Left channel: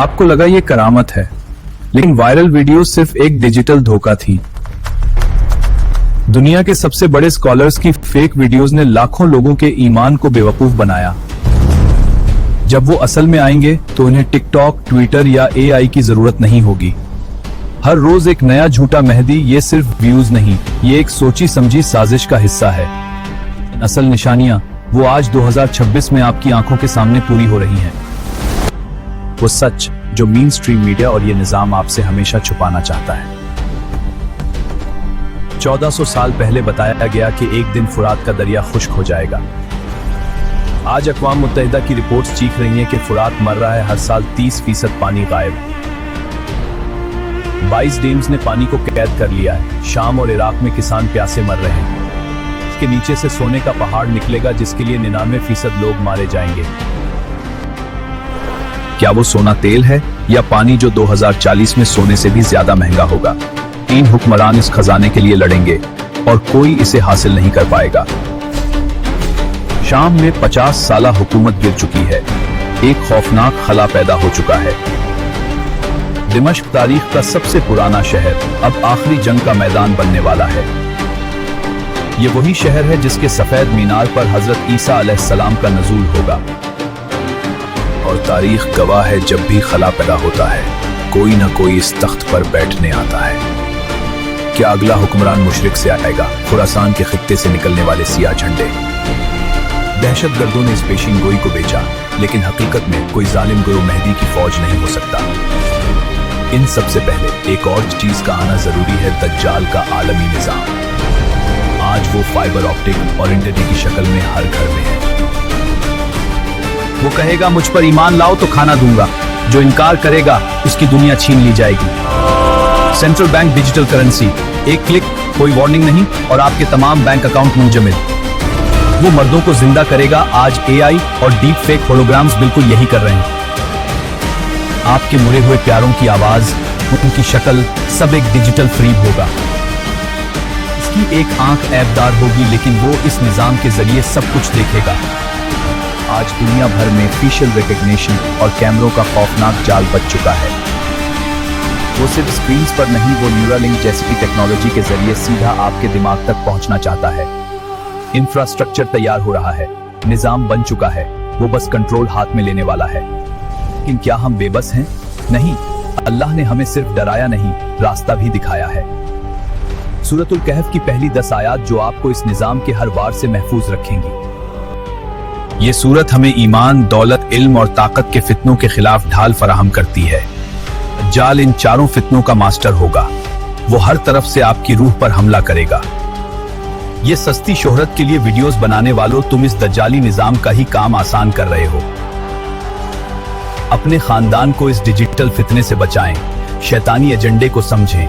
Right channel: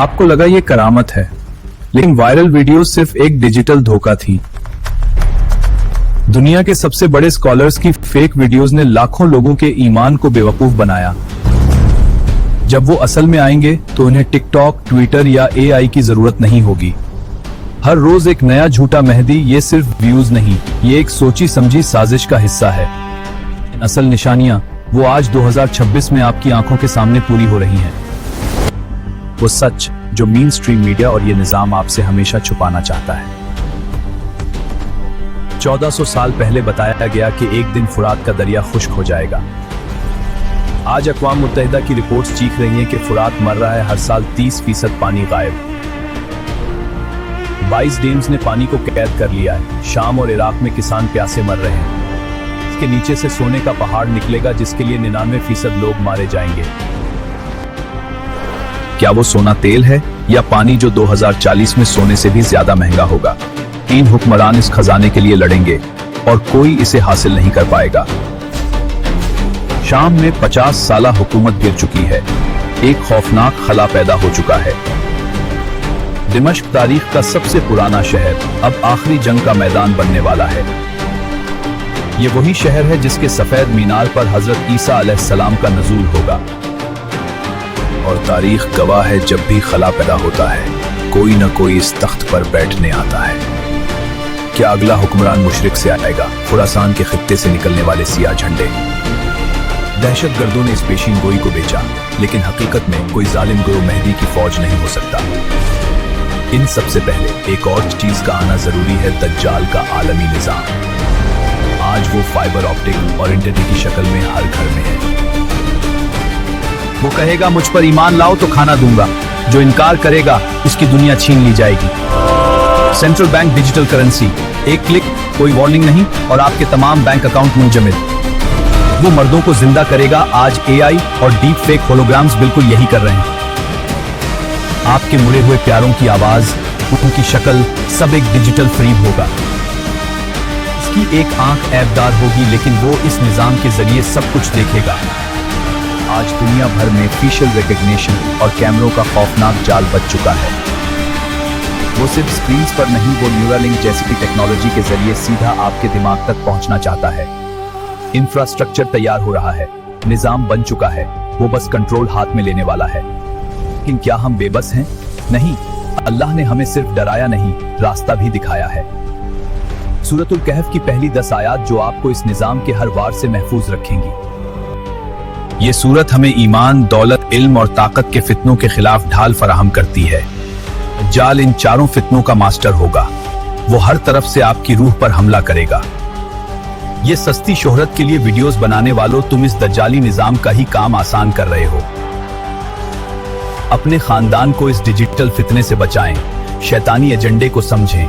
आपको लगा ये करामत है, लेकिन वायरल वीडियो सिर्फ एक डिजिटल धोखा थी। दुनिया के सबसे बड़े स्कॉलर्स की फेक वीडियोस ने लाखों लोगों के ईमान को बेवकूफ बनाया। जब वो असल में आएंगे तो उन्हें टिकटॉक, ट्विटर या एआई की जरूरत नहीं होगी। हर रोज एक नया झूठा मेहदी। ये सिर्फ व्यूज नहीं, ये एक सोची समझी साजिश का हिस्सा है। असल निशानियां वो आज 2026 में आपकी आंखों के सामने पूरी हो रही हैं। वो सच जो मेन स्ट्रीम मीडिया और ये निजाम आपसे हमेशा छुपाना चाहता है। 1400 साल पहले बताया गया कि एक दिन फुरात का दरिया खुश्क हो जाएगा। आज अक़वाम मुत्तहिदा की रिपोर्ट्स चीख रही हैं कि फुरात मर रहा है, हर साल 30% पानी गायब। 22 डीम्स ने पानी को कैद कर लिया है। शाम और इराक में किसान प्यासे मर रहे हैं। इसके नीचे से सोने का पहाड़ निकलेगा जिसके लिए 99% लोग मारे जाएंगे। क्या वो सोना तेल है या पानी जो 2040 में सोने से भी ज्यादा महंगा होगा? 3 हुक्मरान इस खजाने के लिए लड़ेंगे और कोई इसे हासिल नहीं कर पाएगा। शाम में 50 साला हुकूमत गिर चुकी है। एक खौफनाक खला पैदा हो चुका है। दिमश्क तारीख का सबसे पुराना शहर अब आखिरी जंग का मैदान बनने वाला है। ये वही शहर है जिसके सफेद मीनार पर हजरत ईसा अलैहिस्सलाम का नज़ूल होगा। और तारीख गवाह है, जब भी खला पैदा होता है कोई ना कोई इस तख्त पर बैठने आता है। क्या अगला हुक्मरान मुशरिक से आएगा? खुरासान के खित्ते से निकलने वाले सियाह झंडे। दहशतगर्दों ने इस पेशीन गोई को बेचा, लेकिन हकीकत में कोई जालिम गुरु मेहदी की फौज नहीं हो सकता। इन सबसे पहले एक और चीज का आना जरूरी है, दज्जाल का आलमी निजाम। आज वो फाइबर ऑप्टिक और इंटरनेट की शक्ल में हर घर में है। वो कहेगा मुझ पर ईमान लाओ तो खाना दूंगा, जो इनकार करेगा उसकी दुनिया छीन ली जाएगी। सेंट्रल बैंक डिजिटल करेंसी, एक क्लिक, कोई वार्निंग नहीं और आपके तमाम बैंक अकाउंट मुंजमद। वो मर्दों को जिंदा करेगा। आज एआई और डीप फेक होलोग्राम्स बिल्कुल यही कर रहे हैं। आपके मुड़े हुए प्यारों की आवाज, उनकी शक्ल, सब एक डिजिटल फ्रेम होगा। इसकी एक आंख ऐबदार होगी, लेकिन वो इस निजाम के जरिए सब कुछ देखेगा। आज दुनिया भर में फेशियल रिकॉग्निशन और कैमरों का खौफनाक जाल बच चुका है। वो सिर्फ स्क्रीन पर नहीं, वो न्यूरालिंक जैसी टेक्नोलॉजी के जरिए सीधा आपके दिमाग तक पहुंचना चाहता है। इंफ्रास्ट्रक्चर तैयार हो रहा है, निजाम बन चुका है, वो बस कंट्रोल हाथ में लेने वाला है। लेकिन क्या हम बेबस हैं? नहीं, अल्लाह ने हमें सिर्फ डराया नहीं, रास्ता भी दिखाया है। सूरतुल कहफ की पहली 10 आयात जो आपको इस निजाम के हर वार से महफूज रखेंगी। ये सूरत हमें ईमान, दौलत, इल्म और ताकत के फितनों के खिलाफ ढाल फराहम करती है। दज्जाल इन चारों फितनों का मास्टर होगा। वो हर तरफ से आपकी रूह पर हमला करेगा। ये सस्ती शोहरत के लिए वीडियोस बनाने वालों, तुम इस दज्जाली निजाम का ही काम आसान कर रहे हो। अपने खानदान को इस डिजिटल फितने से बचाएं, शैतानी एजेंडे को समझें।